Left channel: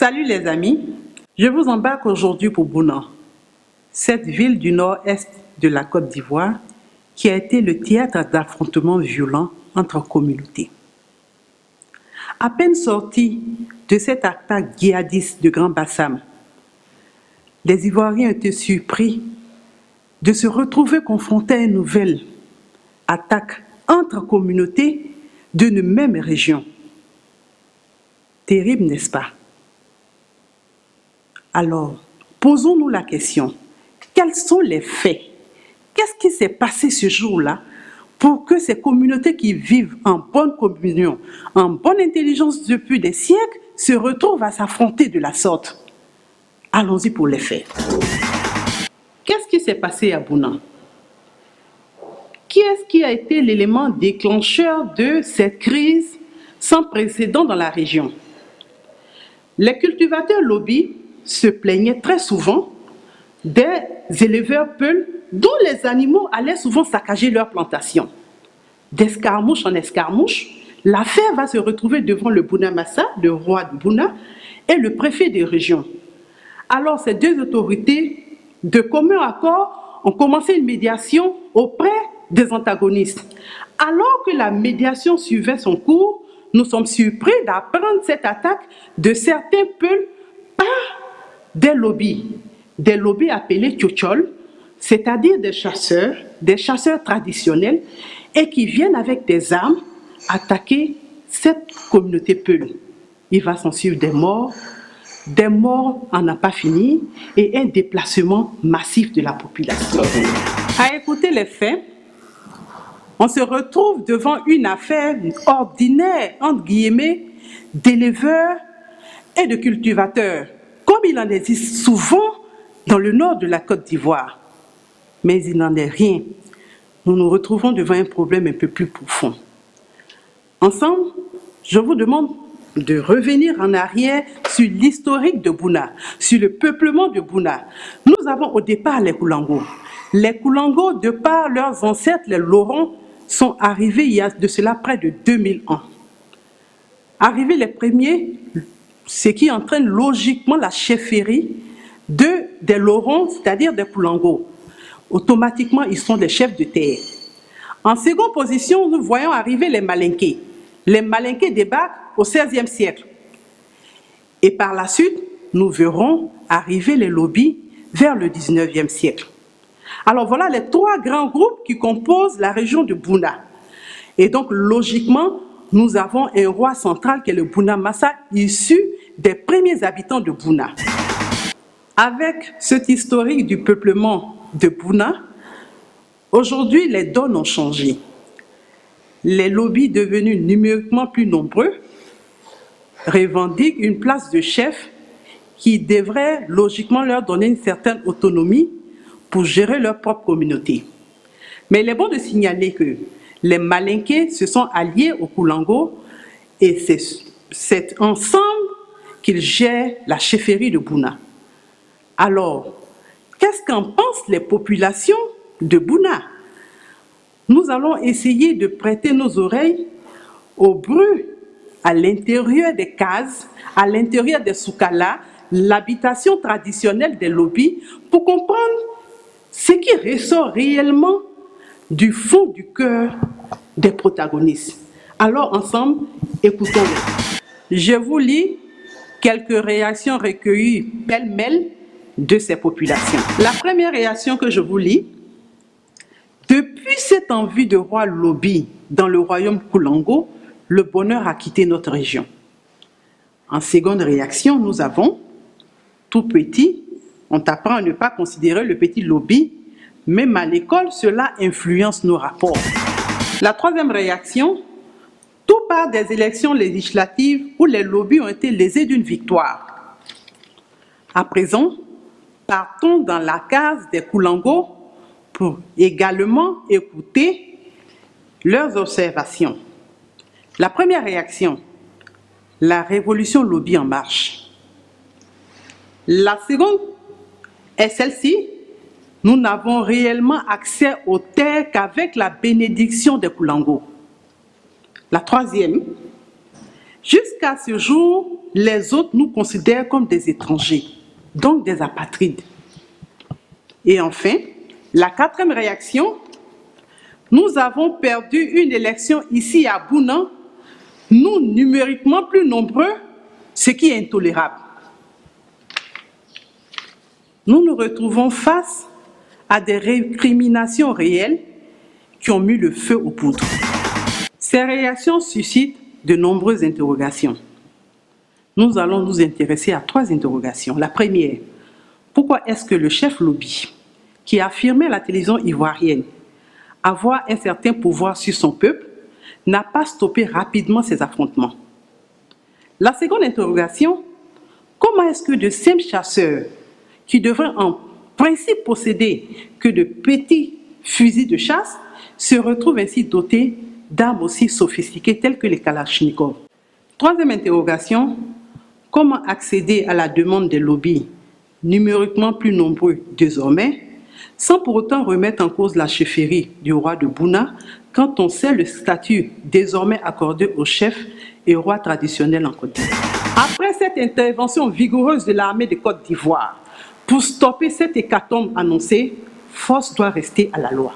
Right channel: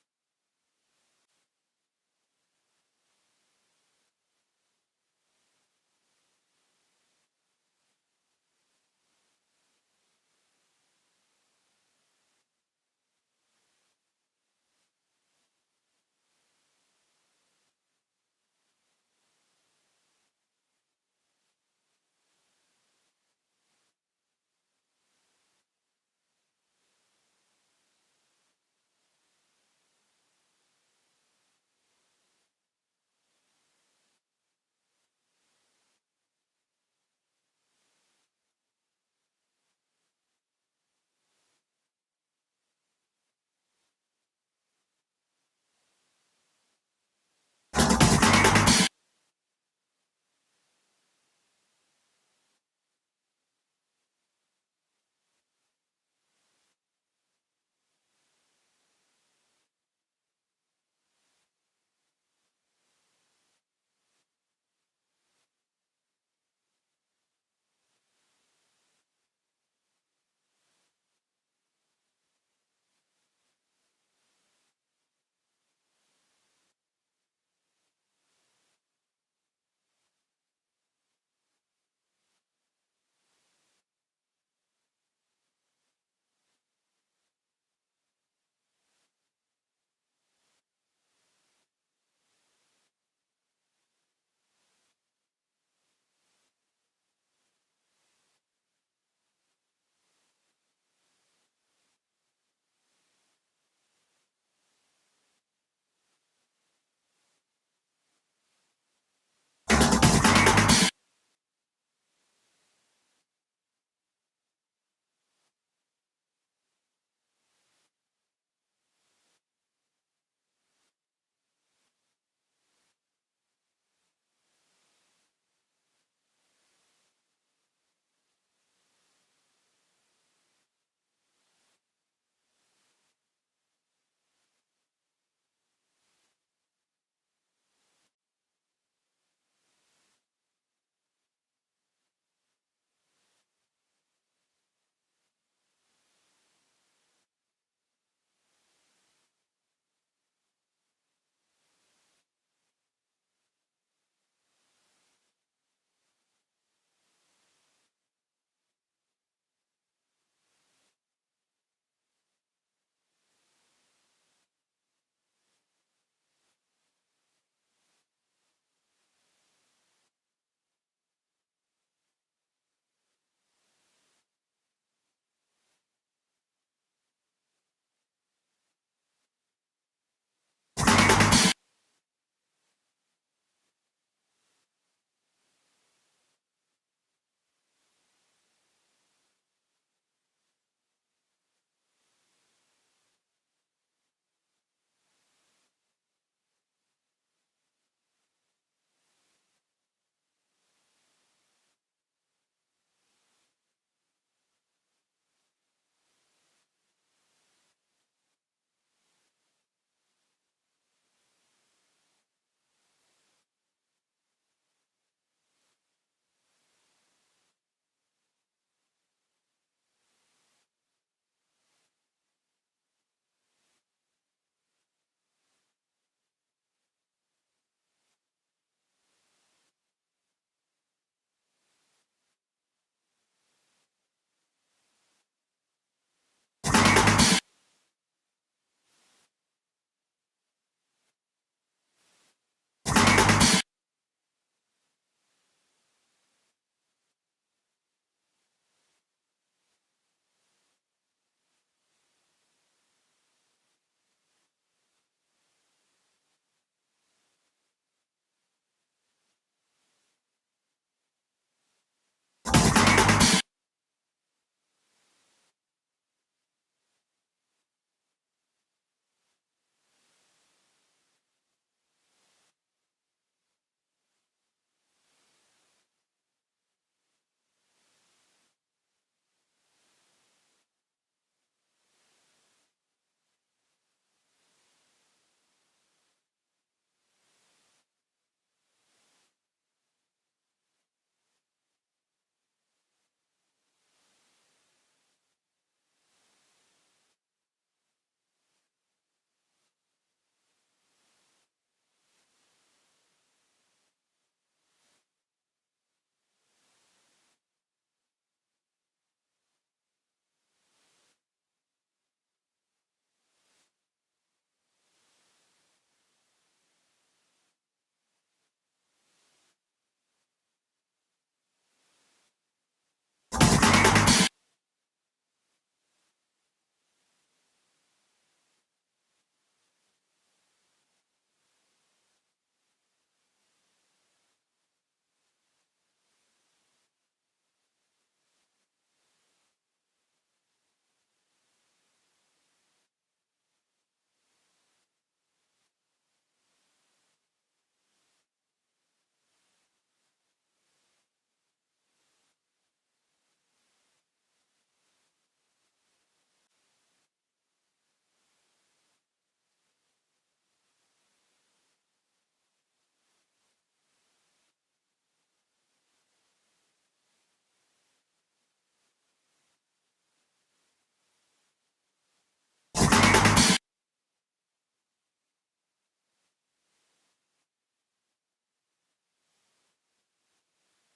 Salut les amis, je vous embarque aujourd'hui pour Bouna, cette ville du nord-est de la Côte d'Ivoire qui a été le théâtre d'affrontements violents entre communautés. À peine sortis de cette attaque djihadiste de Grand Bassam, les Ivoiriens étaient surpris de se retrouver confrontés à une nouvelle attaque entre communautés d'une même région. Terrible, n'est-ce pas? Alors, posons-nous la question, quels sont les faits? Qu'est-ce qui s'est passé ce jour-là pour que ces communautés qui vivent en bonne communion, en bonne intelligence depuis des siècles, se retrouvent à s'affronter de la sorte? Allons-y pour les faits. Qu'est-ce qui s'est passé à Bouna? Qui est-ce qui a été l'élément déclencheur de cette crise sans précédent dans la région? Les cultivateurs lobby se plaignaient très souvent des éleveurs peuls dont les animaux allaient souvent saccager leurs plantations. D'escarmouche en escarmouche, l'affaire va se retrouver devant le Bouna Massa, le roi de Bouna, et le préfet des régions. Alors ces deux autorités, de commun accord, ont commencé une médiation auprès des antagonistes. Alors que la médiation suivait son cours, nous sommes surpris d'apprendre cette attaque de certains peuples par des lobbies appelés tchotchol, c'est-à-dire des chasseurs traditionnels, et qui viennent avec des armes attaquer cette communauté peul. Il va s'en suivre des morts en n'a pas fini, et un déplacement massif de la population. À écouter les faits, on se retrouve devant une affaire ordinaire, entre guillemets, d'éleveurs et de cultivateurs, comme il en existe souvent dans le nord de la Côte d'Ivoire. Mais il n'en est rien. Nous nous retrouvons devant un problème un peu plus profond. Ensemble, je vous demande de revenir en arrière sur l'historique de Bouna, sur le peuplement de Bouna. Nous avons au départ les Koulango. Les Koulango, de par leurs ancêtres, les Lorons, sont arrivés il y a de cela près de 2000 ans. Arrivés les premiers, ce qui entraîne logiquement la chefferie des Lorons, c'est-à-dire des Koulango. Automatiquement, ils sont des chefs de terre. En seconde position, nous voyons arriver les Malinké. Les Malinké débarquent au XVIe siècle. Et par la suite, nous verrons arriver les lobbies vers le XIXe siècle. Alors voilà les trois grands groupes qui composent la région de Bouna. Et donc, logiquement, nous avons un roi central qui est le Bouna Massa, issu des premiers habitants de Bouna. Avec cet historique du peuplement de Bouna, aujourd'hui, les donnes ont changé. Les lobbies devenus numériquement plus nombreux revendiquent une place de chef qui devrait logiquement leur donner une certaine autonomie pour gérer leur propre communauté. Mais il est bon de signaler que les Malinké se sont alliés aux Koulango et c'est ensemble qu'ils gèrent la chefferie de Bouna. Alors, qu'est-ce qu'en pensent les populations de Bouna? Nous allons essayer de prêter nos oreilles au bruit à l'intérieur des cases, à l'intérieur des soukala, l'habitation traditionnelle des lobbies, pour comprendre ce qui ressort réellement du fond du cœur des protagonistes. Alors ensemble, écoutons-les. Je vous lis quelques réactions recueillies pêle-mêle de ces populations. La première réaction que je vous lis: depuis cette envie de roi lobby dans le royaume Koulango, le bonheur a quitté notre région. En seconde réaction, nous avons tout petit. On t'apprend à ne pas considérer le petit lobby, même à l'école, cela influence nos rapports. La troisième réaction: tout part des élections législatives où les lobbies ont été lésés d'une victoire. À présent, partons dans la case des Koulango pour également écouter leurs observations. La première réaction: la révolution lobby en marche. La seconde est celle-ci: nous n'avons réellement accès aux terres qu'avec la bénédiction des Koulango. La troisième: Jusqu'à ce jour, les autres nous considèrent comme des étrangers, donc des apatrides. Et enfin, la quatrième réaction, nous avons perdu une élection ici à Bouna, nous numériquement plus nombreux, ce qui est intolérable. Nous nous retrouvons face à des récriminations réelles qui ont mis le feu aux poudres. Ces réactions suscitent de nombreuses interrogations. Nous allons nous intéresser à 3 interrogations. La première, pourquoi est-ce que le chef lobby, qui affirmait à la télévision ivoirienne avoir un certain pouvoir sur son peuple, n'a pas stoppé rapidement ces affrontements? La seconde interrogation, comment est-ce que de simples chasseurs, qui devraient en principe posséder que de petits fusils de chasse, se retrouvent ainsi dotés d'armes aussi sophistiquées telles que les Kalachnikov? Troisième interrogation, comment accéder à la demande des lobbies, numériquement plus nombreux désormais, sans pour autant remettre en cause la chefferie du roi de Bouna, quand on sait le statut désormais accordé au chef et roi traditionnel en Côte d'Ivoire? Après cette intervention vigoureuse de l'armée de Côte d'Ivoire, pour stopper cette hécatombe annoncée, force doit rester à la loi.